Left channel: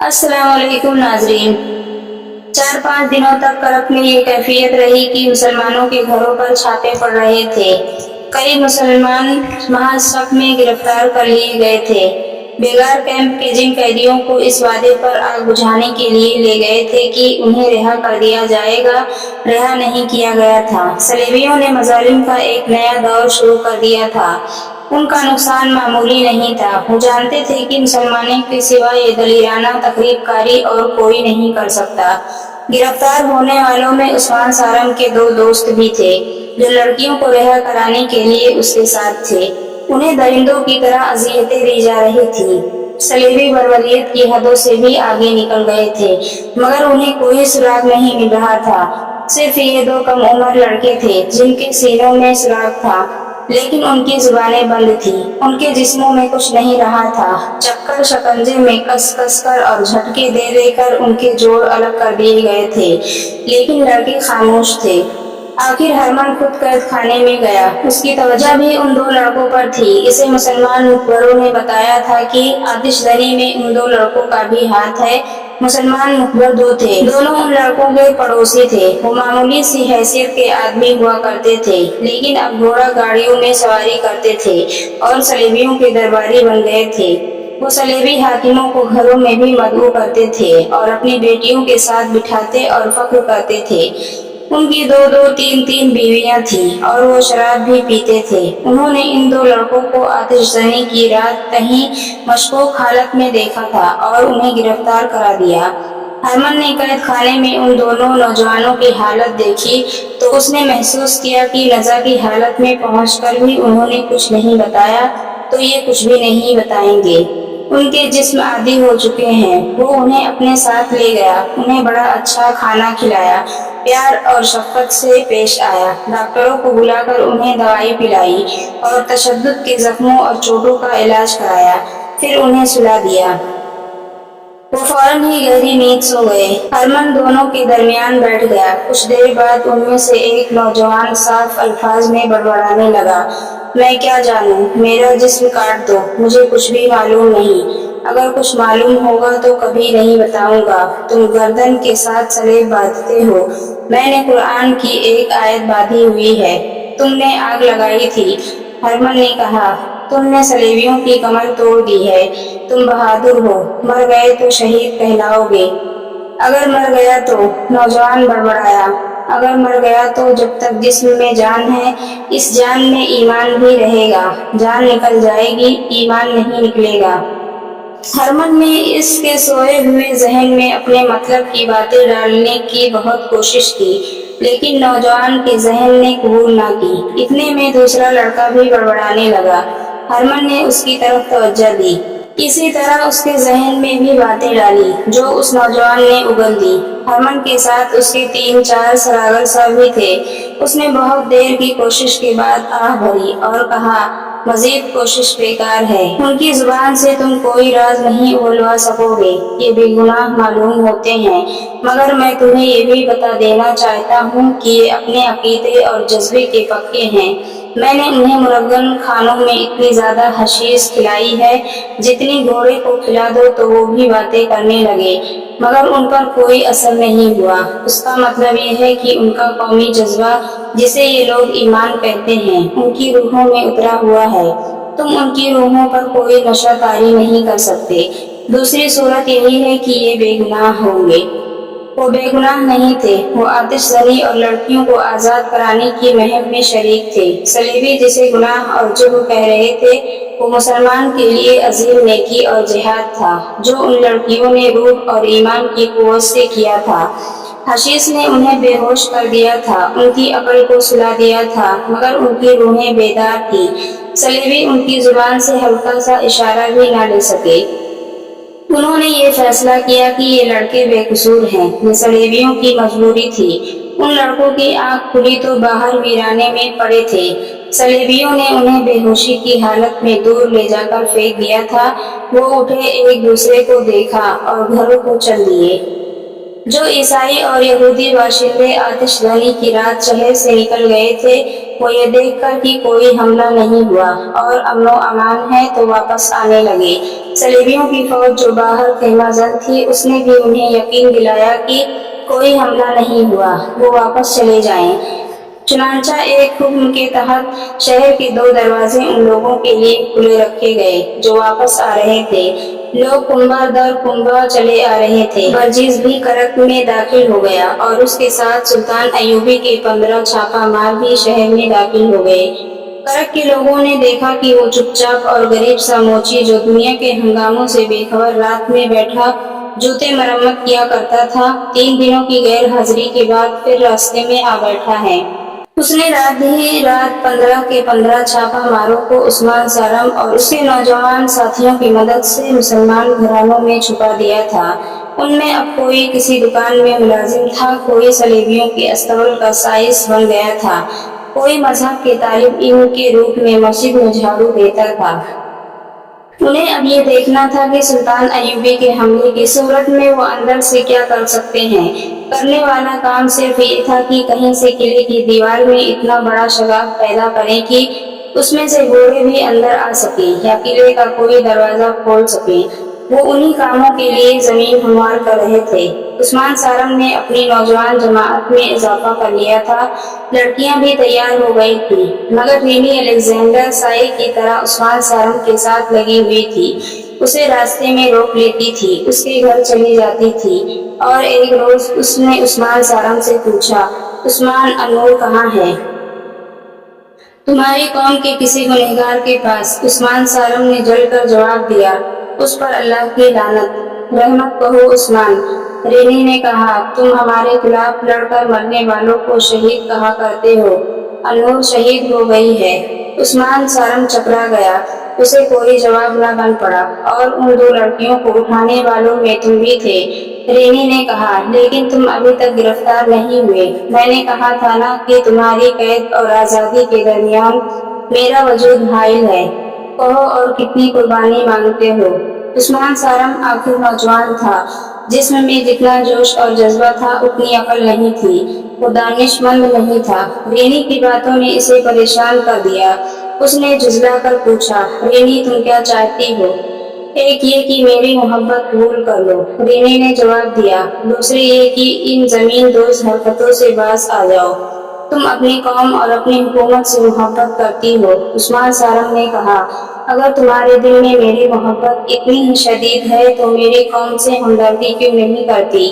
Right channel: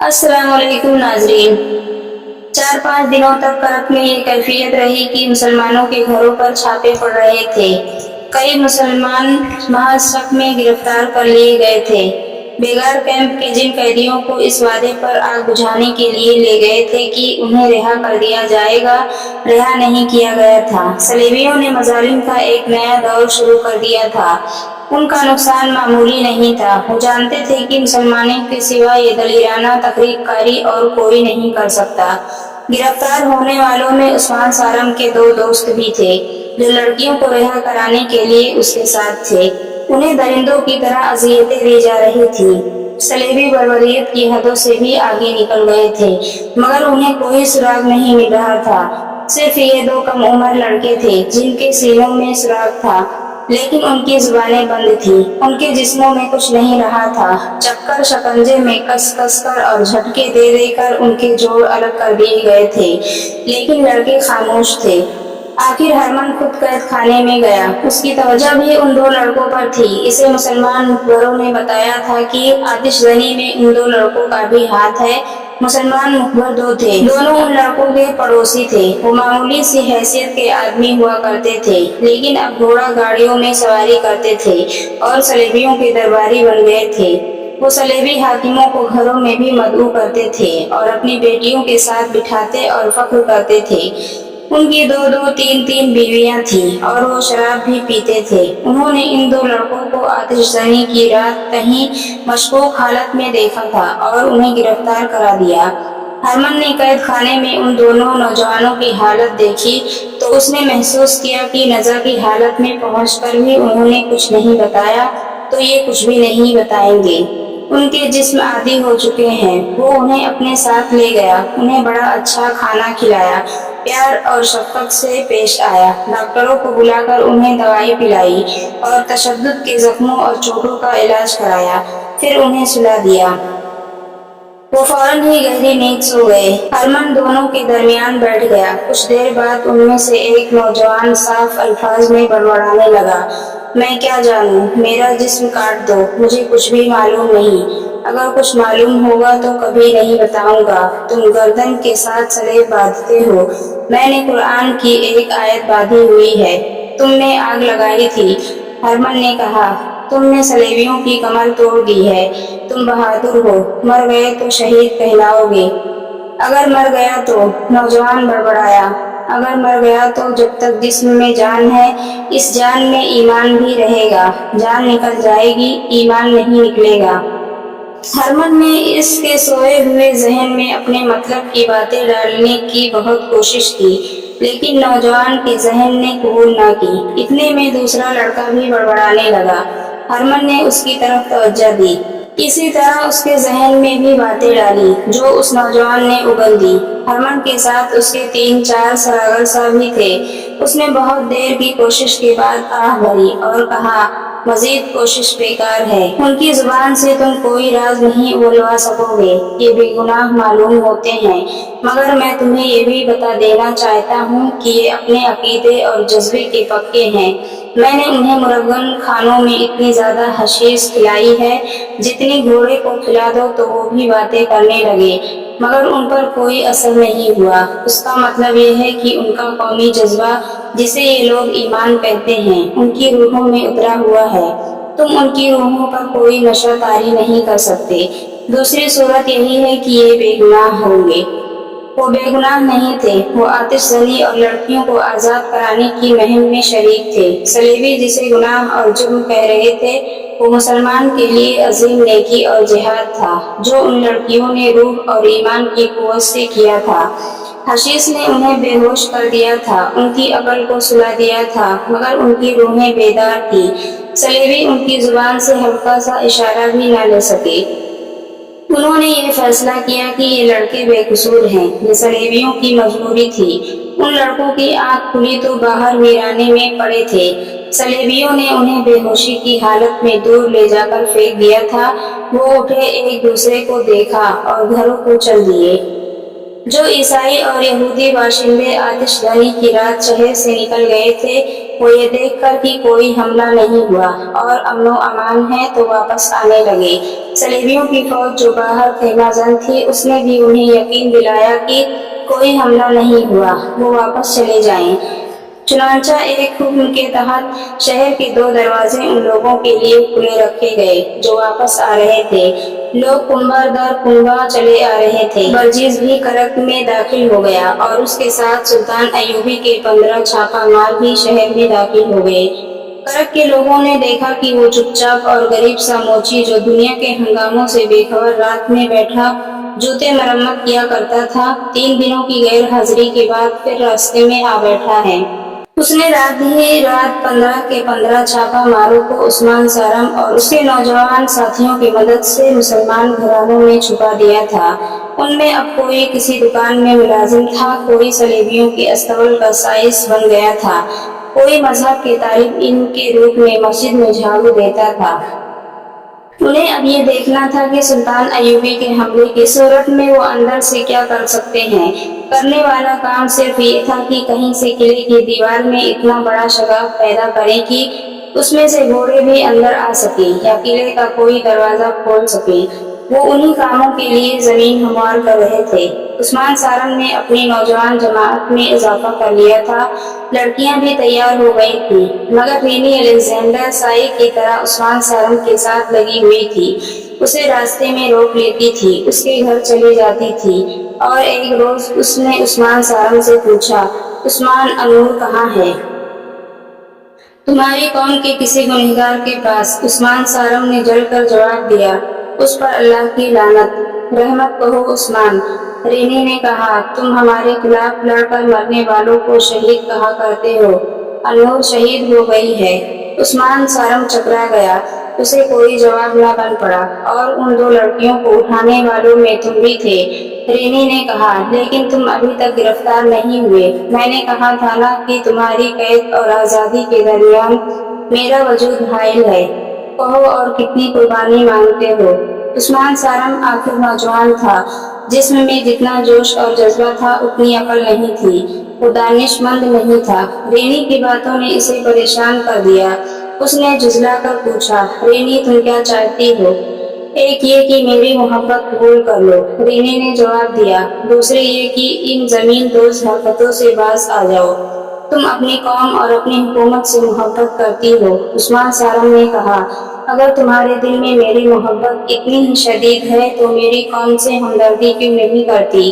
अस्सलाम वालेकुम नाजरीन। 4-5 दिनों तक करत में ये कैफियत रही कि मुसलमानों के घरों पर छापे पड़ रहे थे। कई मुसलमान महज शक में गिरफ्तार कर लिए गए थे। बेगार कैंप के जिन कैदियों को इस वादे पर आग बुझाने के लिए ले गए थे कि उन्हें रिहा कर दिया जाएगा, रिहा नहीं किया गया था। सलेबियों ने मजालिम का एक नया दौर शुरू कर दिया था। उनका नुकसान मामूली नहीं था। वो जानते थे कि मुसलमानों के सिवा ये दलीराना तकरीबकारी और कोई नहीं कर सकता। गिरफ्तार होने वालों में उस्मान सारम के 2 दोस्त भी थे, जो लड़कियों को रिहा कराने के लिए उसके साथ थे। उन्हें दरिंदों की तरह अजियतें दी जा रही थी। सलेबी बर्बरियत की हदों से भी आगे निकल गए थे, मगर उन्हें कोई सुराग नहीं मिल रहा था। सिर्फ ये 2 कम उम्र लड़के थे जिनके सीनों में सुराग था, लेकिन उनकी जुबानें बंद थी। उनके जिस्मों में कुछ नहीं रहा था। चक्कर शकंजे में कस कस कर और झटके दे देकर उनके जोड़ अलग कर दिए गए थे, लेकिन लड़के खामोश थे। आखिर हरमन खुद कैद खाने में गया। उसकी तवज्जो भी उन 2 लड़कों पर थी। इसे मुसलमान मुखबरों ने बताया था कि आतिशजनी में उन 2 लड़कों का भी हाथ है। मुसलमान मुखबर 2 थे, दोनों उन लड़कों के पड़ोसी थे। वो मामूली सी हैसियत के आदमी हुआ करते थे, लेकिन अब घोड़ा गाड़ियों में सवारी करते थे और सलेबियों के दरबारी बन गए थे। वो सलेबी हाकिमों को घरों में भी मदऊ करते थे और अपनी बेटियों के साथ बिठाते और फख्र करते थे। उनकी 2-2, 3-3 बीवियां थीं और वो शराब भी पीते थे। उन्होंने इन 2 लड़कों को आतिशजनी की रात कहीं मशकूक हालत में देखा था और उन्हें गिरफ्तार करा दिया। हरमन ने कैद खाने में उन दोनों नौजवानों की हालत देखी तो उसने महसूस किया कि नज़ा की हालत में पहुंचकर भी उन्होंने कुछ नहीं बताया तो ये कुछ भी नहीं बताएंगे। उनके जिस्म आदी हो चुके हैं। वो उन्हें अपने साथ ले गया, उन्हें बड़ा अच्छा खाना खिलाया, प्यार और शफकत से पेश आया। डॉक्टरों को बुलाकर उन्हें दवाई पिलाई और तशद्दुद के जख्मों और चोटों का इलाज कराया। फिर उन्हें सुला दिया। वो फौरन ही गहरी नींद सो गए। हरमन दोनों के दरमियान बैठ गया। कुछ देर बाद उनमें से एक नौजवान साफ अल्फाज में बड़बड़ाने लगा, मैं क्या जानूं, मेरा जिस्म काट दो, मुझे कुछ भी मालूम नहीं। अगर कुछ मालूम होगा तो कभी नहीं बताऊंगा। तुम गर्दन के साथ सलेब बांधते हो, मैंने कुरान की एक आयत बांधी हुई है। तुमने आग लगाई थी। हरमन ने कहा, तुमने सलेबियों की कमर तोड़ दी है। तुम बहादुर हो, मर गए तो शहीद कहलाओगे। अगर मर गया तो, नौजवान बड़बड़ाया, अगर मर गया तो जब तक जिस्म में जान है, इस जान में ईमान भी रहेगा। जान निकल जाएगी, ईमान नहीं निकलेगा। हरमन ने इसके सोए हुए जहन में अपने मतलब की बातें डालने की बहुत कोशिश की, लेकिन नौजवान के जहन ने कबूल ना की। इतने में दूसरा लड़का भी बड़बड़ाने लगा। हरमन ने उसकी तरफ तवज्जो दी। इसी तरह उसके जहन में भी बातें डाली जो उस नौजवान ने उगल दी। हरमन के साथ उसके 3-4 सरागर सा भी थे। उसने बहुत देर की कोशिश के बाद आह भरी और कहा, मजीद कोशिश बेकार है। उनकी जुबान से तुम कोई राज नहीं उगलवा सकोगे। ये बेगुनाह मालूम होते हैं, मगर मैं तुम्हें ये भी बता देना चाहता हूँ कि ये अपने अकीदे और जज्बे के पक्के हैं। मैंने उन्हें मुरगन खानों में इतनी ज्यादा हशीश खिलाई है, जितनी घोड़े को खिला दो तो वो भी बातें करने लगे, मगर उन पर कोई असर नहीं हुआ। उसका मतलब ये है कि उनका कौमी जज्बा, जिसे ये लोग ईमान कहते हैं, उनकी रूहों में उतरा हुआ है। तुम उनकी रूहों पर कोई नशा तारी नहीं कर सकते। दूसरी सूरत यही है कि ये बेगुनाह होंगे। वो बेगुनाह नहीं थे। वो आतिशजनी और लड़कियों को आजाद कराने की मुहिम में शरीक थे। सलेबी जिसे गुनाह और जुर्म कह रहे थे, वो मुसलमान के लिए अजीम नेकी और जिहाद था, जो उन लड़कियों ने रूह और ईमान की कुव्वत से किया था। हशीश ने उन्हें बेहोश कर दिया था, उनकी अकल को सुला दिया था, मगर उनकी रूहें बेदार थी। सलेबी उनकी जुबान से हल्का सा इशारा भी ना ले सके। उन्होंने ये फैसला किया कि ये लड़के बेकसूर हैं। ये सलेबियों की मजबूरी थी। उन लड़कों की आंख खुली तो बाहर वीराने में पड़े थे। सलेबियों ने उन्हें बेहोशी की हालत में दूर ले जाकर फेंक दिया था। वो उठे, एक दूसरे को देखा और घरों को चल दिए। جو عیسائی اور یہودی باشندے آتش دھانی کی رات شہر سے نکل گئے تھے، وہ یہ دیکھ کر کہ کوئی حملہ نہیں ہوا اور امن و امان ہے تو واپس آنے لگے۔ صلیبیوں کی فوج جو باہر خیمہ زن تھی، اس نے بھی انہیں یقین دلایا کہ کوئی حملہ نہیں ہوا، وہ واپس چلے جائیں۔ چنانچہ ایک حکم کے تحت شہر کے 2 دروازے ان لوگوں کے لیے کھلے رکھے گئے جو واپس آ رہے تھے۔ لوگ کنبہ در کنبہ چلے آ رہے تھے۔ برجیز بھی کرک میں داخل ہو گیا اور اس کے ساتھ سلطان ایوبی کے 15 چھاپہ مار بھی شہر میں داخل ہو گئے۔ کرک کے لوگوں نے دیکھا کہ وہ چپ چاپ اور غریب سا موچی جو دنیا کے ہنگاموں سے بے خبر رات میں بیٹھا جوتے مرمت کیا کرتا تھا، 3 دنوں کی غیر حاضری کے بعد پھر راستے میں آ بیٹھا ہے۔ اس نے رات ہی رات 15 کے 15 چھاپہ ماروں کو عثمان سارم اور اس کے نوجوان ساتھیوں کی مدد سے مسلمان گھرانوں میں چھپا دیا تھا۔ ان میں اب کوئی کسی دکان میں ملازم تھا، کوئی صلیبیوں کے استبل کا سائس بن گیا تھا، کوئی مذہب کے طالب علم کے روپ میں مسجد میں جھاڑو دیتا تھا۔ انہیں اب یہ دیکھنا تھا کہ سلطان ایوبی کے حملے کی صورت میں وہ اندر سے کیا کر سکتے ہیں۔ کرنے والا کام صرف یہ تھا کہ کہیں سے قلعے کی دیوار میں اتنا بڑا شگاف پیدا کریں کہ اس میں سے گھوڑے بھی اندر آ سکیں یا قلعے کا کوئی دروازہ کھول سکیں۔ وہ انہی کاموں کے لیے زمین ہموار کر رہے تھے۔ عثمان سارم نے اپنی نوجوان جماعت میں اضافہ کر لیا تھا، لڑکیاں بھی تیار ہو گئی تھیں، مگر رینی الیگزینڈر سائے کی طرح عثمان سارم کے ساتھ لگی ہوئی تھی، اسے راستے میں روک لیتی تھی، اس کے گھر چلی جاتی تھی۔ اور ایک روز اس نے عثمان سارم سے پوچھا، عثمان، انور کہاں ہے؟ تمہاری قوم کے کسی گنہگار کے پاس۔ عثمان سارم نے جل کر جواب دیا، اس پر اللہ کی لعنت، رحمت کہو عثمان۔ رینی نے کہا، تم ہمارے خلاف لڑ کر مرنے والوں کو شہید کہا کرتے ہو، انور شہید ہو گئی ہے۔ عثمان سارم چکرا گیا، اسے کوئی جواب نہ بن پڑا، اور ان 2 لڑکیوں کو اٹھانے والوں میں تم بھی تھے۔ رینی نے کہا، لیکن تم ابھی تک گرفتار نہیں ہوئے۔ میں نے کہا تھا نا کہ تمہاری قید اور آزادی کے درمیان میرا وجود حائل ہے۔ کہو اور کتنی قربانی مانگتے ہو؟ عثمان سارم آخر نوجوان تھا، جسم میں جتنا جوش اور جذبہ تھا اتنی عقل نہیں تھی، وہ دانش مند نہیں تھا۔ رینی کی باتوں نے اسے پریشان کر دیا۔ اس نے جھنجھلا کر پوچھا، رینی تم کیا چاہتی ہو؟ ایک یہ کہ میری محبت قبول کر لو، رینی نے جواب دیا، دوسری یہ کہ ان زمین دوز حرکتوں سے باز آ جاؤ۔ تم اپنی قوم اور اپنی حکومت سے محبت کرتی ہو۔ عثمان سارم نے کہا، اگر تمہارے دل میں میری محبت اتنی ہی شدید ہے تو میری قوم سے ہمدردی کیوں نہیں کرتی؟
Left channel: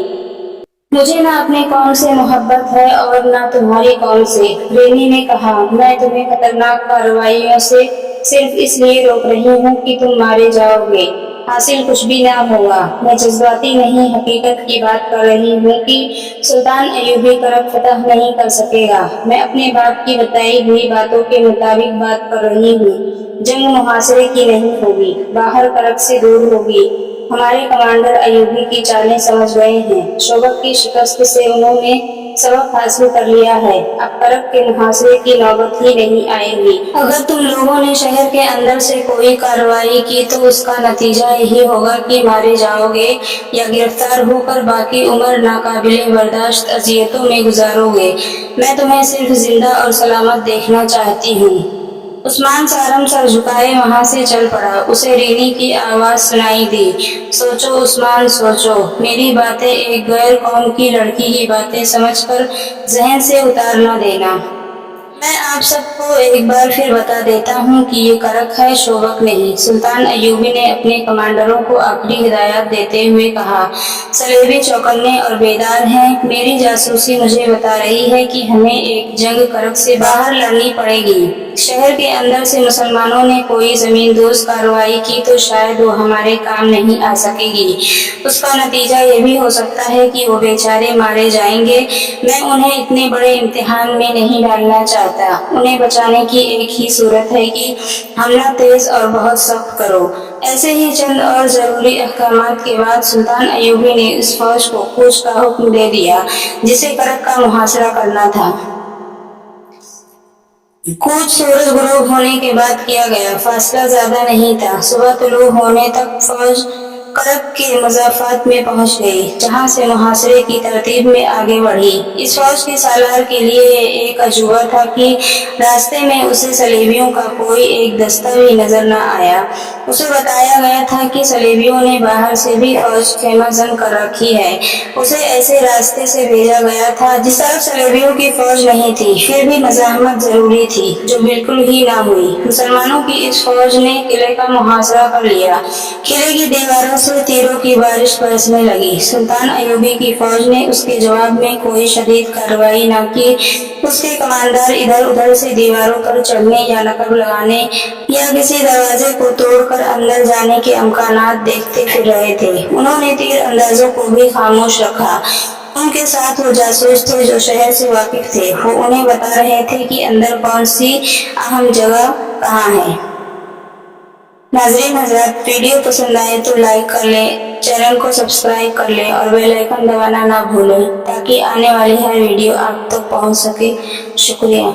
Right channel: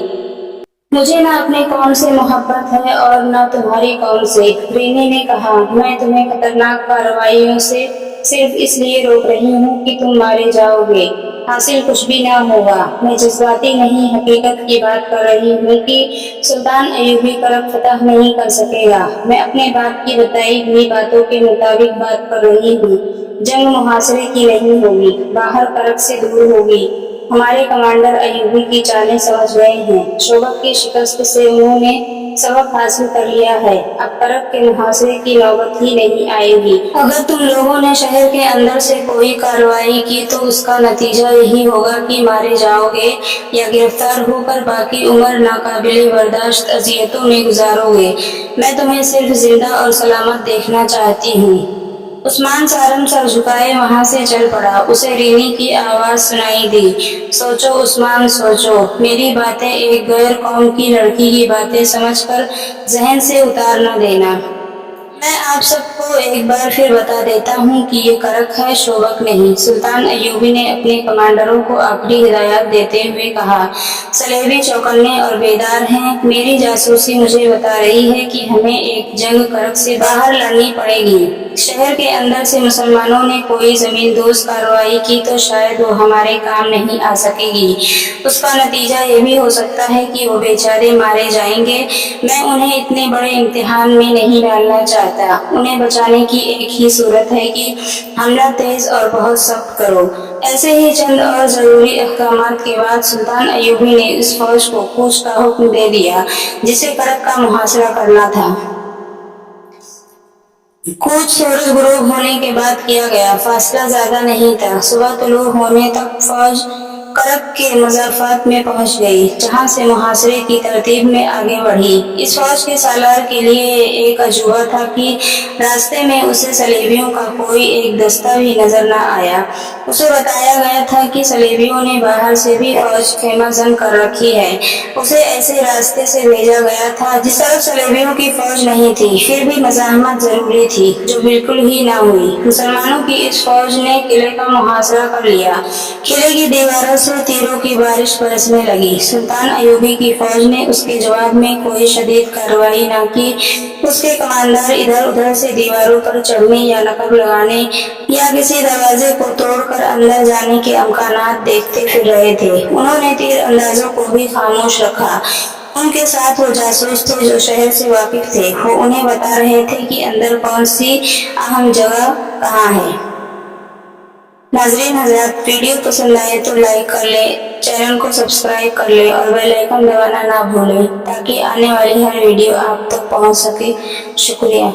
مجھے نہ اپنی قوم سے محبت ہے اور نہ تمہاری قوم سے۔ رینی نے کہا، میں تمہیں خطرناک کارروائیوں سے صرف اس لیے روک رہی ہوں کہ تم مارے جاؤ گے، حاصل کچھ بھی نہ ہوگا۔ میں جذباتی نہیں، حقیقت کی بات کر رہی ہوں کہ سلطان ایوبی کرک فتح نہیں کر سکے گا۔ میں اپنے باپ کی بتائی ہوئی باتوں کے مطابق بات کر رہی ہوں۔ جنگ محاصرے کی نہیں ہوگی، باہر کرک سے دور ہوگی۔ ہمارے کمانڈر ایوبی کی چالیں سمجھ گئے ہیں، شوبک کی شکست سے انہوں نے سبق حاصل کر لیا ہے، اب کرک کے محاصرے کی نوبت ہی نہیں آئے گی۔ اگر تم لوگوں نے شہر کے اندر سے کوئی کارروائی کی تو اس کا نتیجہ یہی ہوگا کہ مارے جاؤ گے یا گرفتار ہو کر باقی عمر ناقابل برداشت اذیتوں میں گزارو گے۔ میں تمہیں صرف زندہ اور سلامت دیکھنا چاہتی ہوں۔ عثمان سارم سر جھکائے وہاں سے چل پڑا۔ اسے رینی کی آواز سنائی دی، سوچو عثمان، سوچو، میری باتیں ایک غیر قوم کی لڑکی کی باتیں سمجھ کر ذہن سے اتار نہ دینا۔ میں آپ سب کو ایک بار پھر بتا دیتا ہوں کہ یہ کرک ہے، شوبک نہیں۔ سلطان ایوبی نے اپنے کمانڈروں کو آخری ہدایات دیتے ہوئے کہا، صلیبی چوکنے اور بیدار ہیں۔ میری جاسوسی مجھے بتا رہی ہے کہ ہمیں ایک جنگ کرک سے باہر لڑنی پڑے گی۔ شہر کے اندر سے مسلمانوں نے کوئی زمین دوز کارروائی کی تو شاید وہ ہمارے کام نہیں آ سکے گی۔ اس کا نتیجہ یہ بھی ہو سکتا ہے کہ وہ بیچارے مارے جائیں گے۔ میں انہیں اتنے بڑے امتحان میں نہیں ڈالنا چاہتا۔ انہیں بچانے کی ایک ہی صورت ہے کہ حملہ تیز اور بہت سخت کرو۔ ایسے ہی چند اور ضروری احکامات کے بعد سلطان ایوبی نے اس فوج کو کوچ کا حکم دے دیا جسے کرک کا محاصرہ کرنا تھا۔ کوچ سورج غروب ہونے کے بعد کیا گیا، فاصلہ زیادہ نہیں تھا۔ صبح طلوع ہونے تک فوج करब के मजाफात में पहुंच गई, जहां से मुहासरे की तरतीब में आगे बढ़ी। इस फौज के सालार के लिए एक अजूबा था कि रास्ते में उसे सलेबियों का कोई एक दस्ता भी नजर न आया। उसे बताया गया था कि सलेबियों ने बाहर से भी फौज खेमा जन कर रखी है। उसे ऐसे रास्ते से भेजा गया था जिस तरफ सलेबियों की फौज नहीं थी। फिर भी मज़ाहमत जरूरी थी, जो बिल्कुल ही ना हुई। मुसलमानों की इस फौज ने किले का मुहासरा कर लिया। किले की दीवारों से तीरों की बारिश बरसने लगी। सुल्तान अयूबी की फौज ने उसके जवाब में कोई शदीद कार्रवाई न की। उसके कमांडर इधर उधर से दीवारों पर चढ़ने या नकब लगाने या किसी दरवाजे को तोड़कर अंदर जाने के अमकानात देखते फिर रहे थे। उन्होंने तीर अंदाजों को भी खामोश रखा। उनके साथ वो जासूस थे जो शहर से वाकिफ थे। वो उन्हें बता रहे थे कि अंदर कौन सी अहम जगह कहाँ है। नाजरीन हजरात, वीडियो पसंद आए तो लाइक कर लें, चैनल को सब्सक्राइब कर लें और बेल आइकन दबाना ना भूलें ताकि आने वाली हर वीडियो आप तक पहुंच सके। शुक्रिया।